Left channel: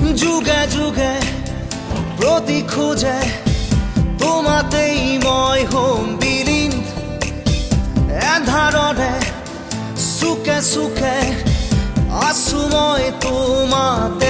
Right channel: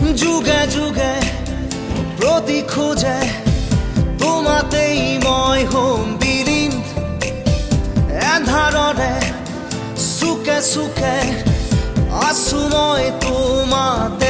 যুগে যুগে প্ৰতি খোজে তোমাতেই মই হ'ম বিলীন এন্ধাৰৰে চুকে চুকে আছো মই তোমাতে